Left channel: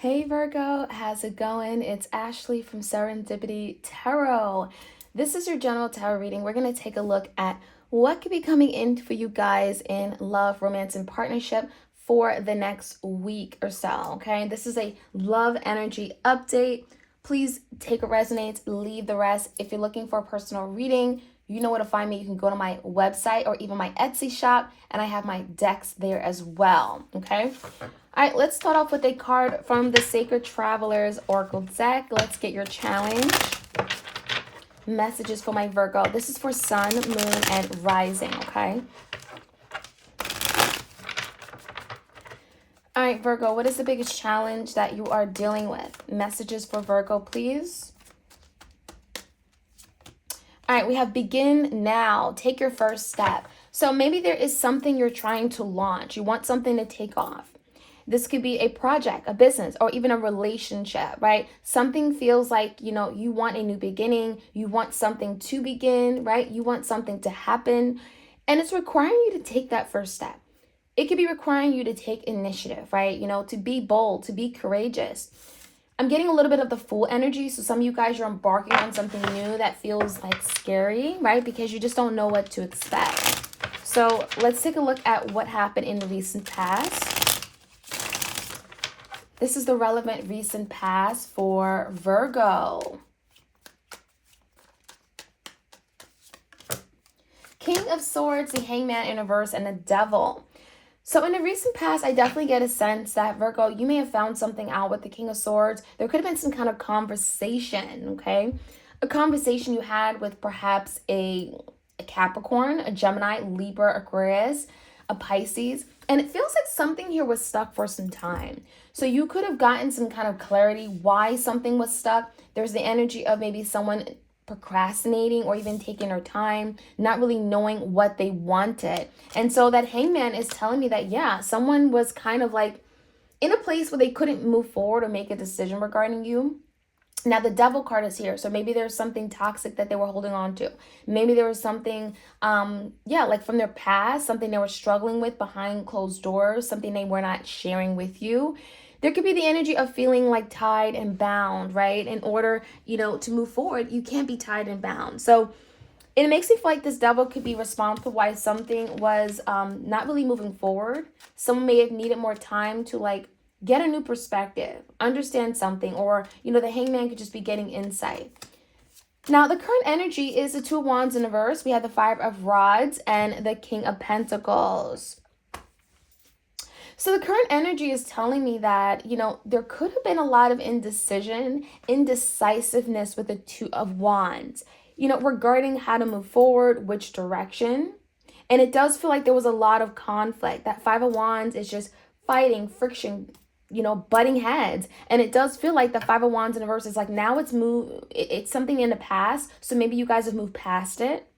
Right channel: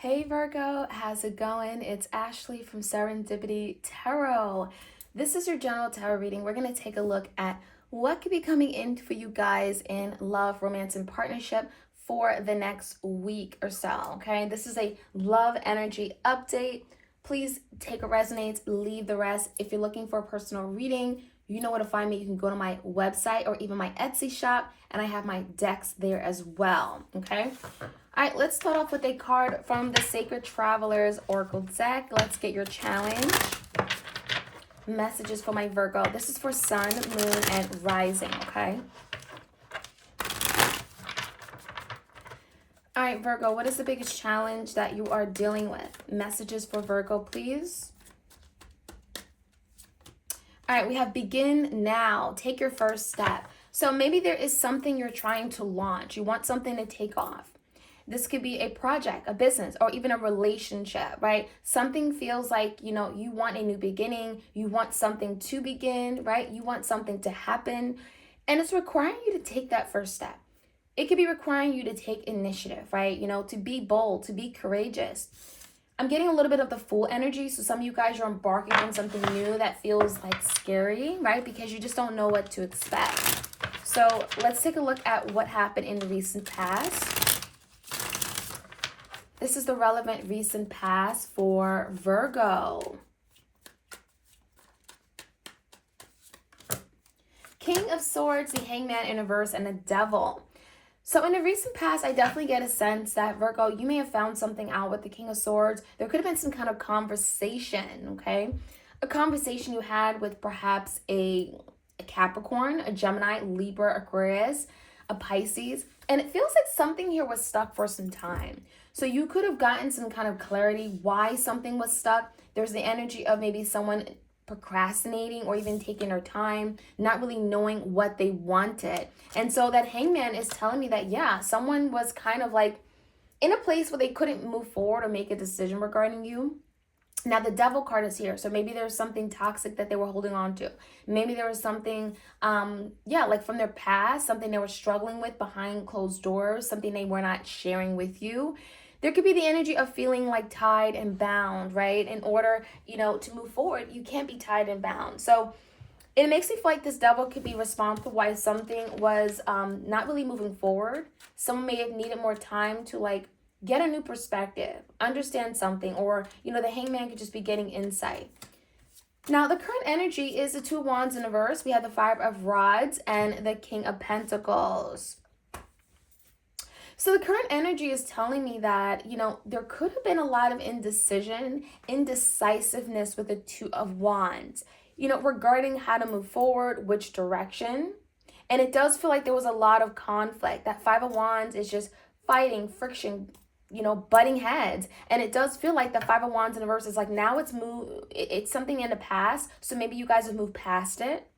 Hey Virgo, how's it going? It's Ashley from Serendipity Tarot. This is your general tarot reading. We're going to take a look at what could be coming in for you guys in love, romance, and partnership for the next week or so, okay? This is a love energy update. Please take what resonates, leave the rest. If you're looking for a personal reading, you know where to find me. You can go to my website or even my Etsy shop, and I have my decks there as well, okay? All right, let's start off with a card from the Sacred Travelers Oracle deck. Let's get your challenge. Messages for my Virgo. This is for Sun, Moon, and Rising, okay? All right, Virgo, what is the biggest challenge that you are dealing with? Messages for Virgo, please. All right, we have begin now. Take your first step. So maybe there is something you're trying to launch. You want something to take off. This could be a project, a business, or even a relationship, right? Something feels like, you want a new beginning. You want something to begin, right? You want something to happen. And it's requiring you to take that first step. It could be requiring you to take initiative, right? To be bold, to be courageous. I'm getting a little bit of the Fool energy. So some of you guys are embarking on something new that feels like scary, right? Because you just don't know what to expect. So let's take a look at what happened in the recent past. This is the relevant recent past for Virgo. King of Swords, the Hangman in reverse, and the Devil. So in the recent past, I definitely get a sense that Virgo, you may have found something out with the King of Swords. There could have been some kind of conversation, okay? A conversation you had with perhaps a Capricorn, a Gemini, Libra, Aquarius, a Pisces. And it feels like something here was stuck for some time. So you could have gotten some kind of clarity why something was stuck. There's the energy of maybe someone procrastinating or even taking their time, not really knowing what they wanted. And so that Hangman is telling me that, yeah, someone was kind of like in a place where they couldn't move forward or make a decision regarding you. Now the Devil card is here. So maybe there's something toxic that they were holding on to. Maybe there was something, like from their past, something they were struggling with behind closed doors, something they were not sharing with you. There could be the energy of feeling like tied and bound, right? In order, to move forward, you can't be tied and bound. So it makes me feel like this Devil could be responsible why something was not really moving forward. Someone may have needed more time to get a new perspective, understand something, or, the Hangman could just be getting insight. Now, the current energy is the Two of Wands in reverse. We have the Five of Rods and the King of Pentacles. So the current energy is telling me that, there could have been a lot of indecisiveness with the Two of Wands, regarding how to move forward, which direction. And it does feel like there was a lot of conflict. That Five of Wands is just fighting, friction, butting heads. And it does feel like the Five of Wands in reverse is like now it's something in the past. So maybe you guys have moved past it.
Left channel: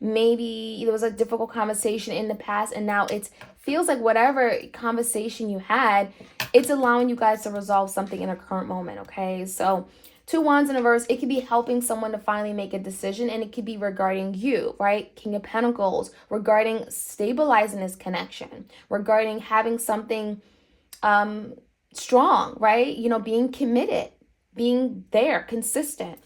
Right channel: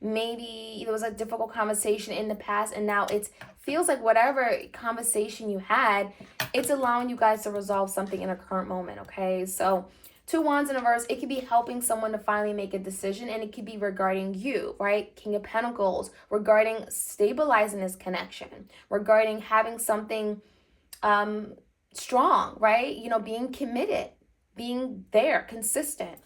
Maybe there was a difficult conversation in the past and now it feels like whatever conversation you had, it's allowing you guys to resolve something in a current moment, okay? So Two Wands in reverse, it could be helping someone to finally make a decision, and it could be regarding you, right? King of Pentacles, regarding stabilizing this connection, regarding having something strong, right? Being committed, being there, consistent.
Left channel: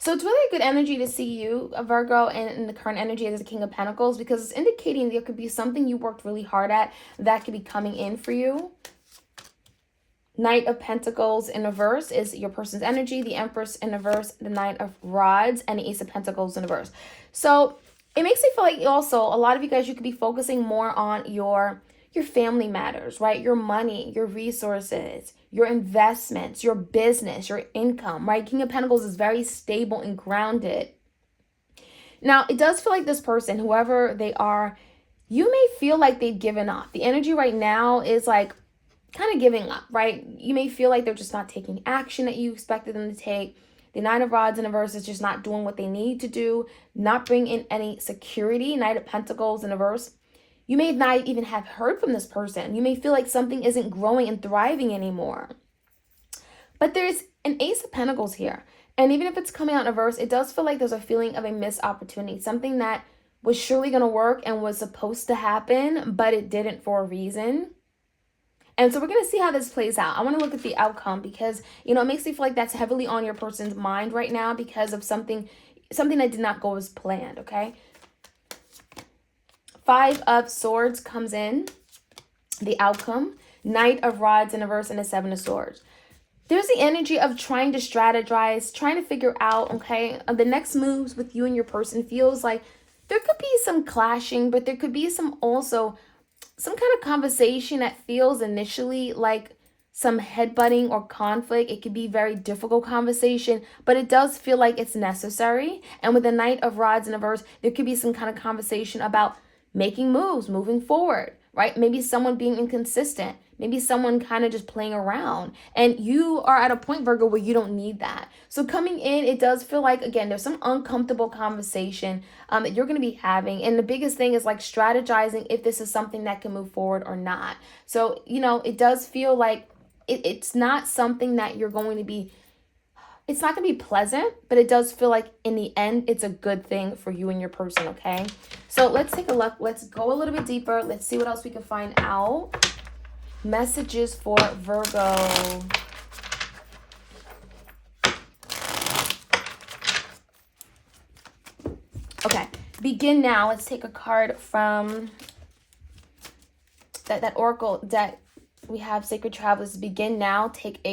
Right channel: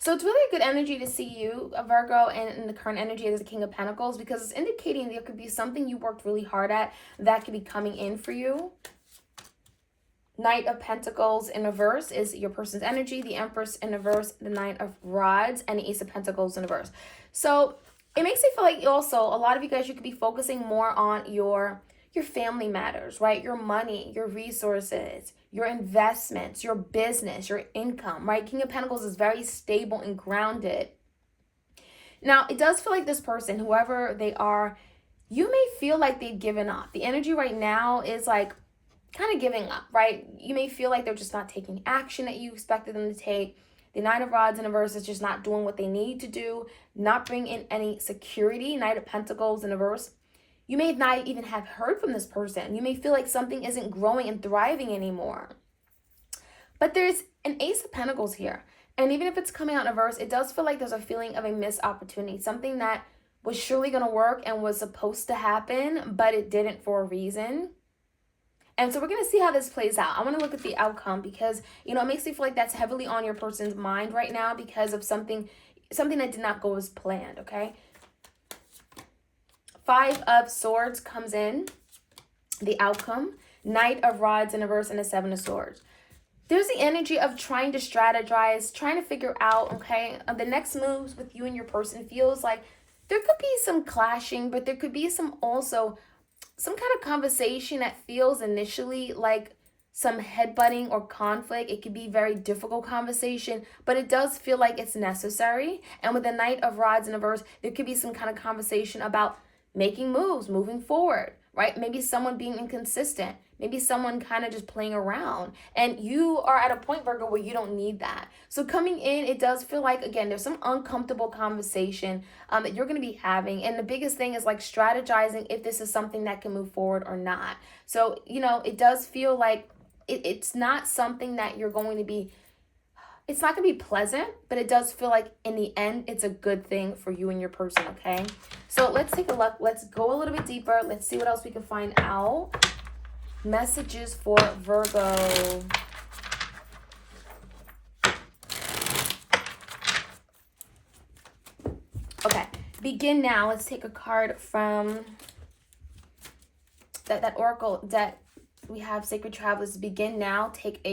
So it's really a good energy to see you, Virgo, and in the current energy as the King of Pentacles, because it's indicating there could be something you worked really hard at that could be coming in for you. Knight of Pentacles in reverse is your person's energy. The Empress in reverse, the Knight of Rods, and the Ace of Pentacles in reverse. So it makes me feel like also a lot of you guys, you could be focusing more on your family matters, right? Your money, your resources, your investments, your business, your income, right? King of Pentacles is very stable and grounded. Now, it does feel like this person, whoever they are, you may feel like they've given up. The energy right now is like kind of giving up, right? You may feel like they're just not taking action that you expected them to take. The Knight of Rods in reverse is just not doing what they need to do, not bringing in any security. Knight of Pentacles in reverse, you may not even have heard from this person. You may feel like something isn't growing and thriving anymore. But there's an Ace of Pentacles here. And even if it's coming out in reverse, it does feel like there's a feeling of a missed opportunity. Something that was surely going to work and was supposed to happen, but it didn't for a reason. And so we're going to see how this plays out. I want to look at the outcome because, you know, it makes me feel like that's heavily on your person's mind right now because of something that did not go as planned, okay? 5 of Swords comes in, the outcome. Knight of Rods in reverse and a 7 of Swords. There's the energy of trying to strategize, trying to figure out, okay, the next moves with you and your person. Feels like there could be some clashing, but there could be some kind of conversation that feels initially like some headbutting or conflict. It could be very difficult conversation, but it does feel like it's necessary. And with the Knight of Rods in reverse, there could be some kind of conversation about making moves, moving forward, right? Maybe someone being inconsistent. Maybe someone kind of just playing around. And you are at a point, Virgo, where you don't need that. So coming in, it does feel like, again, there's some uncomfortable conversation that you're going to be having. And the biggest thing is like strategizing if this is something that can move forward or not. So, you know, it does feel like it's not something that you're going to be, it's not going to be pleasant, but it does feel like in the end, it's a good thing for you and your person, okay? So let's take a look. Let's go a little bit deeper. Let's see what else we can find out. Messages for Virgo. Okay, begin now. Let's take a card from that oracle that we have, Sacred Travelers. Begin now. Take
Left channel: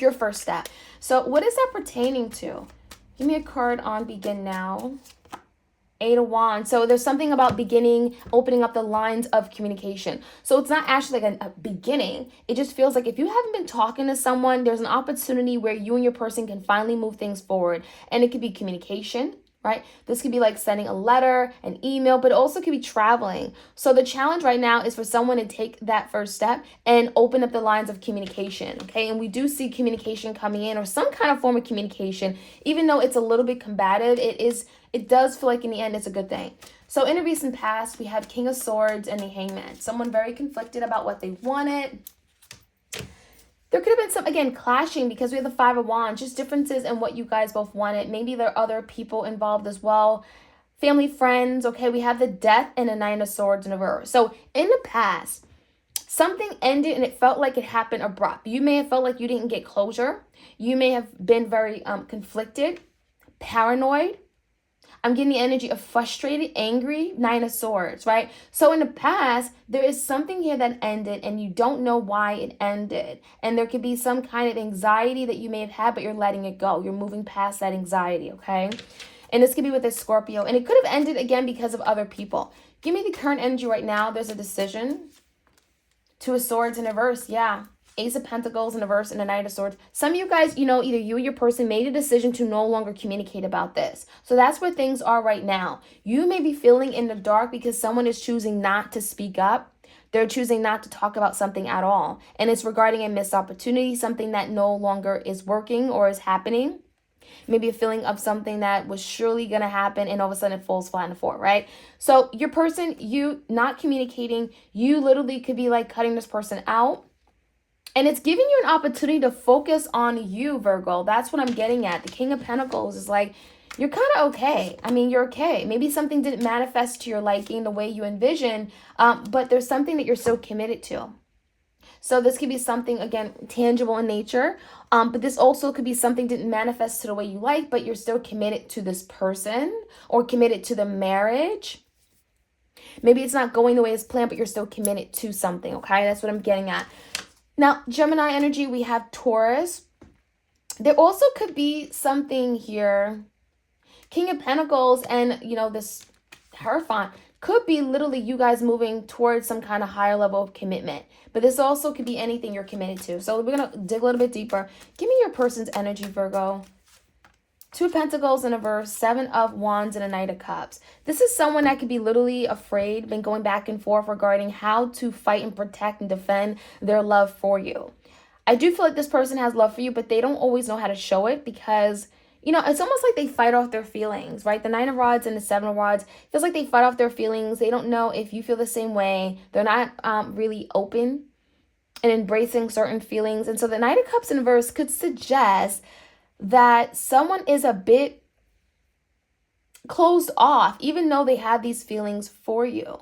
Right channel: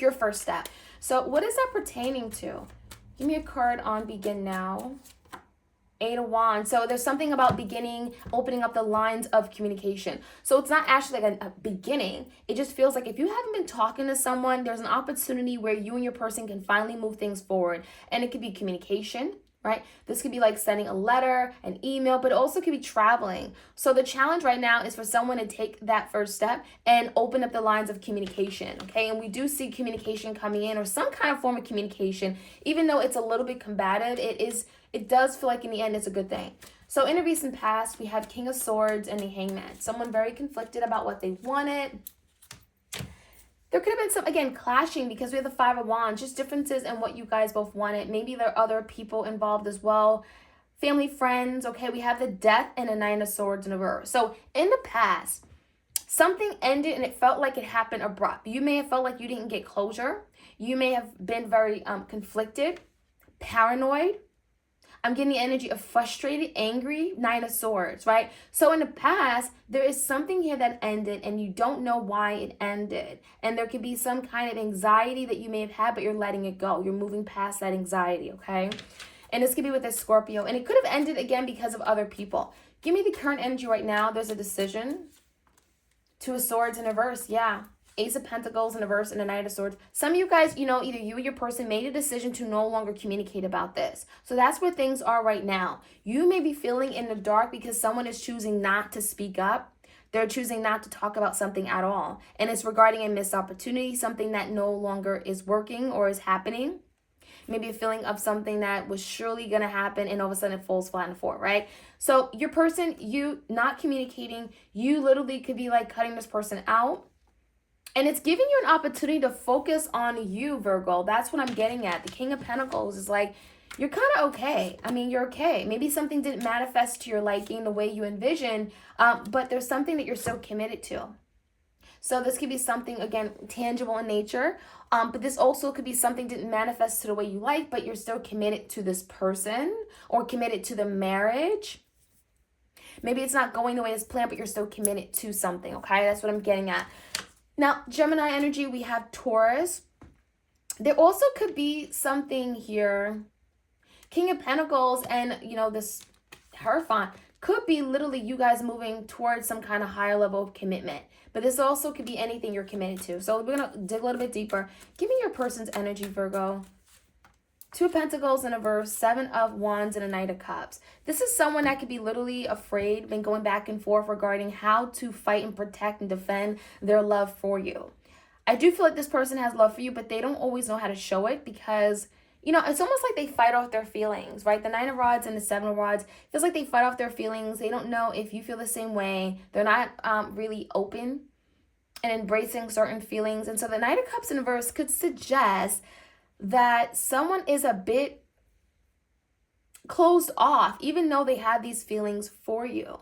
your first step. So what is that pertaining to? Give me a card on begin now. 8 of Wands. So there's something about beginning, opening up the lines of communication. So it's not actually like a beginning. It just feels like if you haven't been talking to someone, there's an opportunity where you and your person can finally move things forward. And it could be communication, right? This could be like sending a letter, an email, but it also could be traveling. So the challenge right now is for someone to take that first step and open up the lines of communication, okay? And we do see communication coming in, or some kind of form of communication. Even though it's a little bit combative, it does feel like in the end it's a good thing. So in a recent past, we have King of Swords and the Hangman. Someone very conflicted about what they wanted. There could have been some, again, clashing because we have the 5 of Wands, just differences in what you guys both wanted. Maybe there are other people involved as well. Family, friends, okay? We have the Death and a 9 of Swords in reverse. So in the past, something ended and it felt like it happened abrupt. You may have felt like you didn't get closure. You may have been very conflicted, paranoid. I'm getting the energy of frustrated, angry, 9 of Swords, right? So in the past, there is something here that ended and you don't know why it ended. And there could be some kind of anxiety that you may have had, but you're letting it go. You're moving past that anxiety, okay? And this could be with this Scorpio. And it could have ended again because of other people. Give me the current energy right now. There's a decision. 2 of Swords in reverse, yeah. Ace of Pentacles in reverse and a Knight of Swords. Some of you guys, you know, either you or your person made a decision to no longer communicate about this. So that's where things are right now. You may be feeling in the dark because someone is choosing not to speak up. They're choosing not to talk about something at all. And it's regarding a missed opportunity, something that no longer is working or is happening. Maybe a feeling of something that was surely going to happen and all of a sudden it falls flat on the floor, right? So your person, you not communicating, you literally could be like cutting this person out. And it's giving you an opportunity to focus on you, Virgo. That's what I'm getting at. The King of Pentacles is like, you're kind of okay. I mean, you're okay. Maybe something didn't manifest to your liking the way you envisioned, but there's something that you're so committed to. So this could be something, again, tangible in nature, but this also could be something didn't manifest to the way you like, but you're still committed to this person or committed to the marriage. Maybe it's not going the way it's planned, but you're still committed to something, okay? That's what I'm getting at. Now, Gemini energy, we have Taurus. There also could be something here. King of Pentacles and, you know, this Hierophant could be literally you guys moving towards some kind of higher level of commitment. But this also could be anything you're committed to. So we're going to dig a little bit deeper. Give me your person's energy, Virgo. 2 Pentacles in a verse, 7 of Wands and a Knight of Cups. This is someone that could be literally afraid, been going back and forth regarding how to fight and protect and defend their love for you. I do feel like this person has love for you, but they don't always know how to show it because, you know, it's almost like they fight off their feelings, right? The 9 of Rods and the 7 of Rods feels like they fight off their feelings. They don't know if you feel the same way. They're not really open and embracing certain feelings. And so the Knight of Cups in verse could suggest that someone is a bit closed off, even though they have these feelings for you.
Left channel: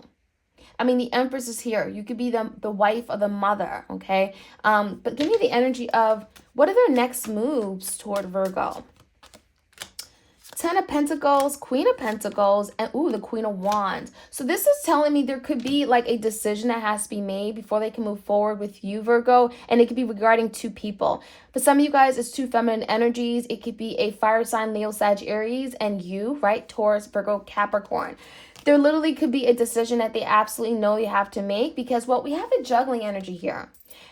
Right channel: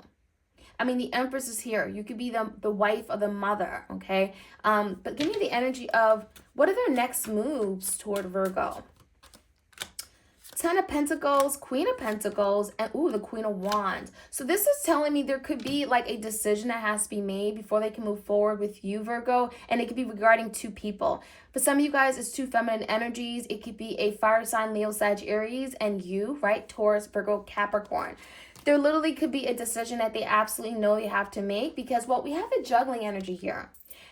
I mean, the Empress is here. You could be the wife or the mother, okay? But give me the energy of what are their next moves toward Virgo? Ten of Pentacles, Queen of Pentacles, and ooh, the Queen of Wands. So this is telling me there could be like a decision that has to be made before they can move forward with you, Virgo. And it could be regarding two people. For some of you guys, it's two feminine energies. It could be a fire sign, Leo, Sag, Aries, and you, right? Taurus, Virgo, Capricorn. There literally could be a decision that they absolutely know they have to make, because what we have a juggling energy here.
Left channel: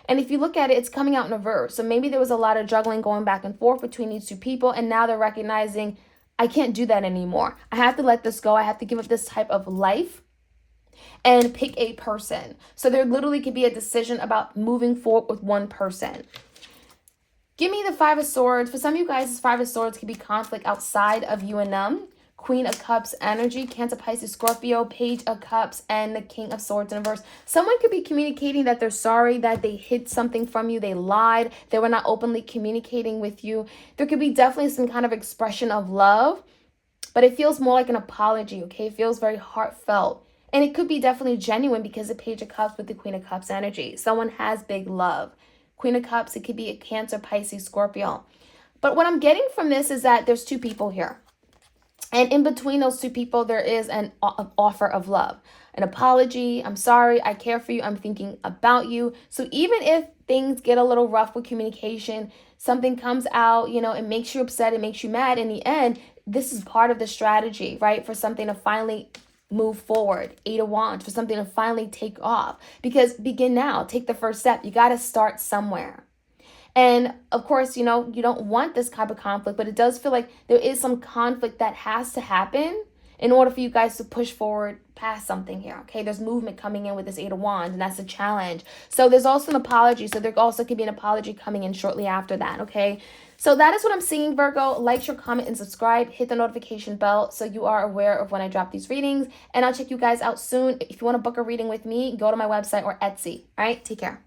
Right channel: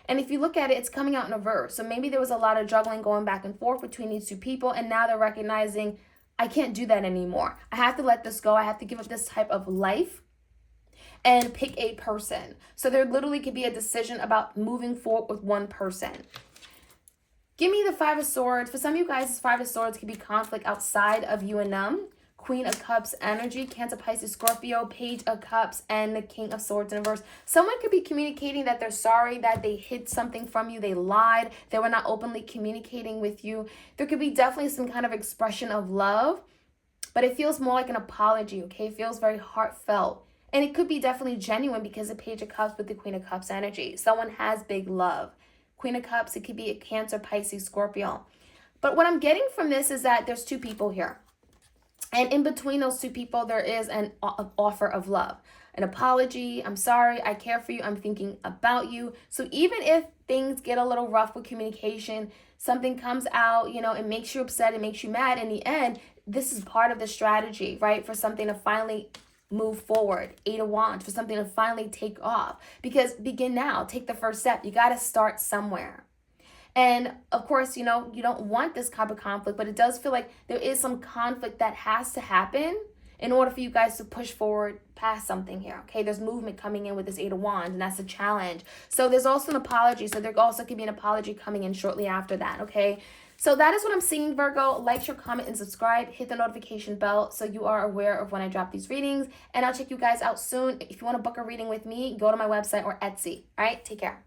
And if you look at it, it's coming out in reverse. So maybe there was a lot of juggling going back and forth between these two people. And now they're recognizing, I can't do that anymore. I have to let this go. I have to give up this type of life and pick a person. So there literally could be a decision about moving forward with one person. Give me the Five of Swords. For some of you guys, this Five of Swords could be conflict outside of you and them. Queen of Cups energy, Cancer, Pisces, Scorpio, Page of Cups, and the King of Swords in reverse. Someone could be communicating that they're sorry, that they hid something from you, they lied, they were not openly communicating with you. There could be definitely some kind of expression of love, but it feels more like an apology, okay? It feels very heartfelt. And it could be definitely genuine because of Page of Cups with the Queen of Cups energy. Someone has big love. Queen of Cups, it could be a Cancer, Pisces, Scorpio. But what I'm getting from this is that there's two people here. And in between those two people, there is an offer of love, an apology. I'm sorry. I care for you. I'm thinking about you. So even if things get a little rough with communication, something comes out, you know, it makes you upset, it makes you mad. In the end, this is part of the strategy, right? For something to finally move forward. Eight of Wands, for something to finally take off. Because begin now. Take the first step. You got to start somewhere. And of course, you know, you don't want this type of conflict, but it does feel like there is some conflict that has to happen in order for you guys to push forward past something here, okay? There's movement coming in with this Eight of Wands, and that's a challenge. So there's also an apology. So there also could be an apology coming in shortly after that, okay? So that is what I'm seeing, Virgo. Like, share, comment, and subscribe. Hit the notification bell so you are aware of when I drop these readings. And I'll check you guys out soon. If you want to book a reading with me, go to my website or Etsy. All right? Take care.